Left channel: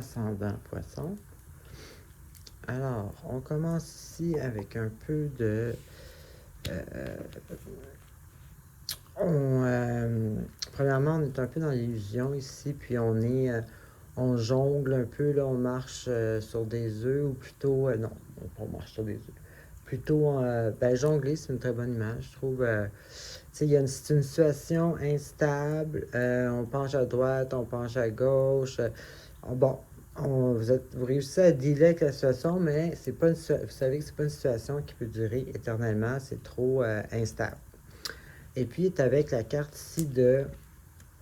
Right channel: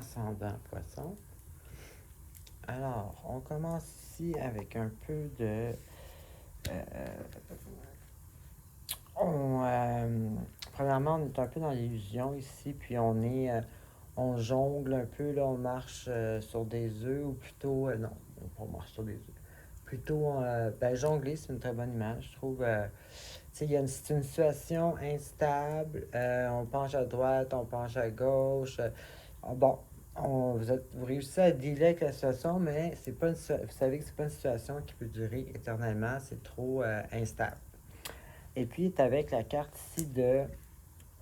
ascendant poisson. Alors, on commence ici avec un peu de... premièrement, on est un peu dans l'illusion ici, puis on jongle un peu, là, on marche sur des œufs, ou plutôt... non, on marche sur des œufs. Plutôt, jongler, c'est une très bonne image, je trouve. Tu sais, c'est une situation instable, on penche à droite, on penche à gauche. Bon, vous réussissez à dealer avec la situation, mais c'est pas vous savez que c'est pas une situation qui peut durer éternellement, c'est trop instable. Et puis, tu avec la carte ici de,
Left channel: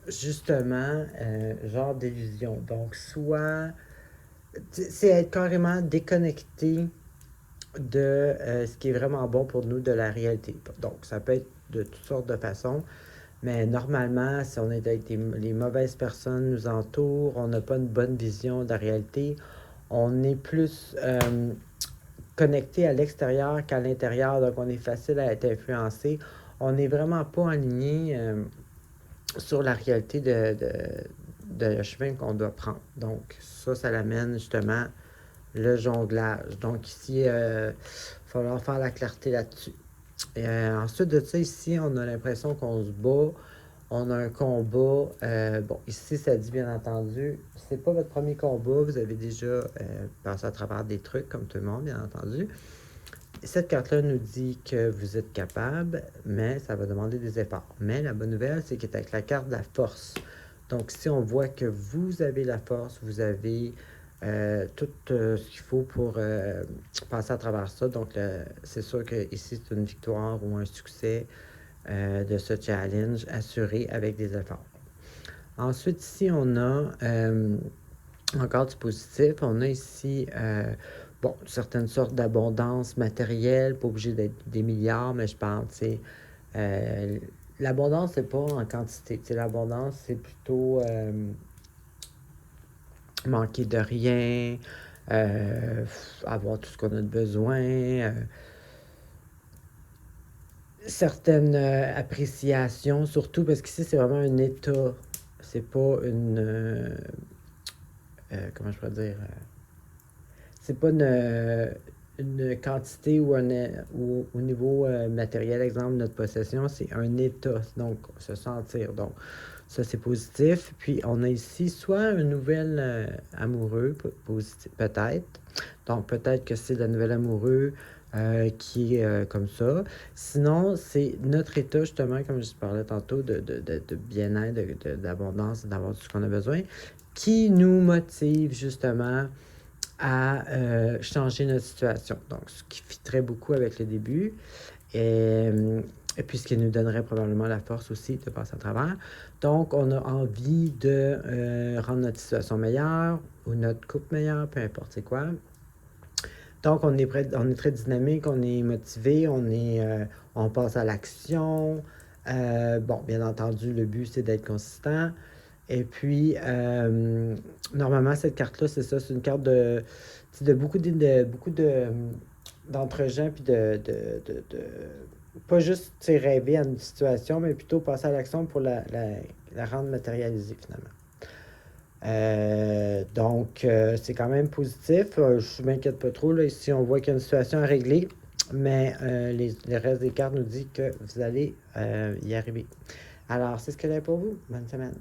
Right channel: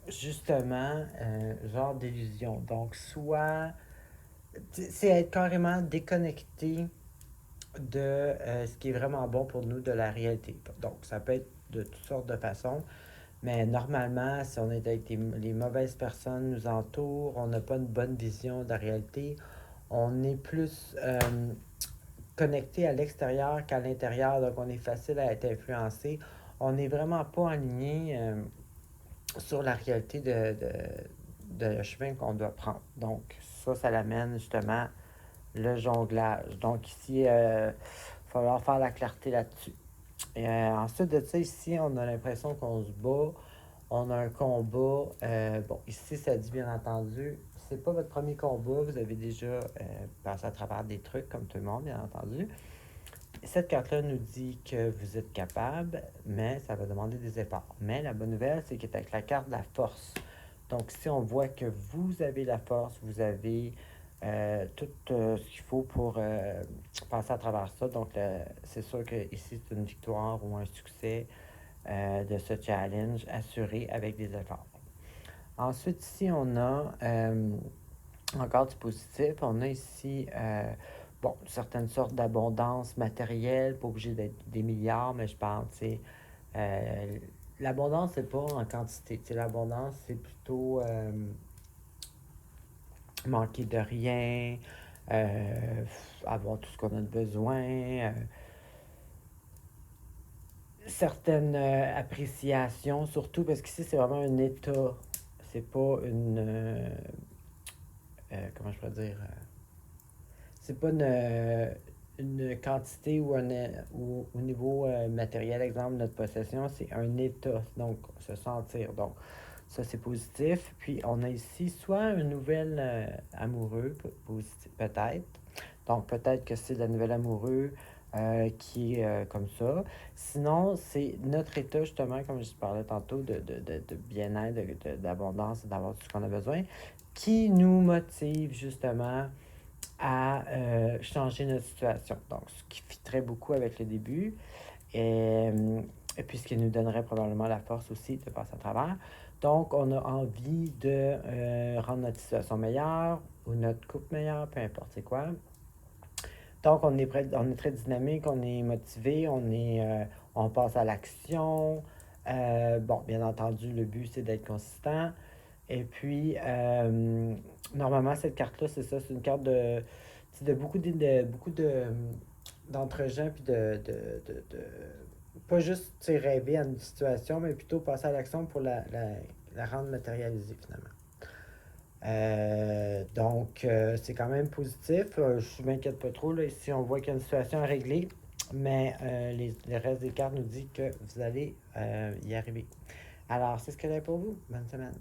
justement, genre d'illusion. Donc, soit, c'est être carrément déconnecté de ce qui est vraiment bon pour nous de la réalité. Donc, ça peut être de toutes sortes de façons, mais normalement, si on est avec les mauvaises personnes nous entourent, on n'a pas une bonne vision de la réalité, on est plus connecté à l'extérieur qu'à l'intérieur, donc on est facile à être influencé. On n'est vraiment pas aligné sur la réalité de le chemin qu'on doit prendre. Donc, ça l'amène justement le jonglage. Donc, ici, il va falloir faire la clarté là-dessus. Ensuite de ça, ici, on a l'impression qu'on se bat. On a un combat. Bon, ici, ça dit bien entendu, c'est pas votre premier combat. Vous avez déjà passé à travers des trucs, comme tout le monde, bien entendu. Cette carte-là nous dit que vous êtes capable, mais ça va demander des efforts. Mais la bonne nouvelle, c'est qu'elle est avec la carte de la force. Donc, si on voit que vous avez la force, vous avez tout ce qu'il faut pour passer à travers ça. Donc, c'est sûr que ici, c'est une victoire ou un succès de ce challenge assuré avec des efforts. Ensuite, ici, on a encore du positif. On a ici certaines sortes d'abondance matérielle, pas obligé d'être des milliards, mais je parle, tu sais, l'abondance, c'est pas en quantité. Tu sais, l'abondance, c'est plutôt manquer de rien, avoir tout ce qu'on a besoin, certaines appréciations, surtout parce qu'ici, c'est vraiment un état. C'est pas comment je peux dire? C'est pas une quantité ou au niveau matériel, exemple, notre possession, c'est un état, donc se sentir. Donc, ça, c'est positif. Puis, on a ici soit un nouvel amoureux, positif, peut-être. Donc, peut-être que c'est le nouvel amoureux qui est comme ça. Sinon, c'est notre état, justement, comme je parlais tantôt, de bien-être, d'abondance, d'avoir tout ce qu'on a besoin, qui nous motive, justement, à changer notre situation. Donc, ce qui fitterait beaucoup avec le début. Et puis, ce qui nous donnerait probablement la force aussi de passer à travers. Donc, on a envie de rendre notre situation meilleure ou notre couple meilleure, peu importe c'est quoi. Donc, on est très dynamique, on est motivé, on passe à l'action. Bon, bien entendu, le but, c'est d'être consistant. Et puis, normalement, cette carte-là, c'est ça, c'est une carte de beaucoup d'entre-gens, puis pas juste rêver à une situation, mais plutôt passer à l'action pour la rendre matérialisée, finalement. C'est quand même positif. Je ne m'inquiète pas trop. Là, ici, on voit qu'il y a une situation à régler, mais le reste des cartes nous dit que vous allez y arriver. Alors, c'est ce que j'ai pour vous. Bonne semaine.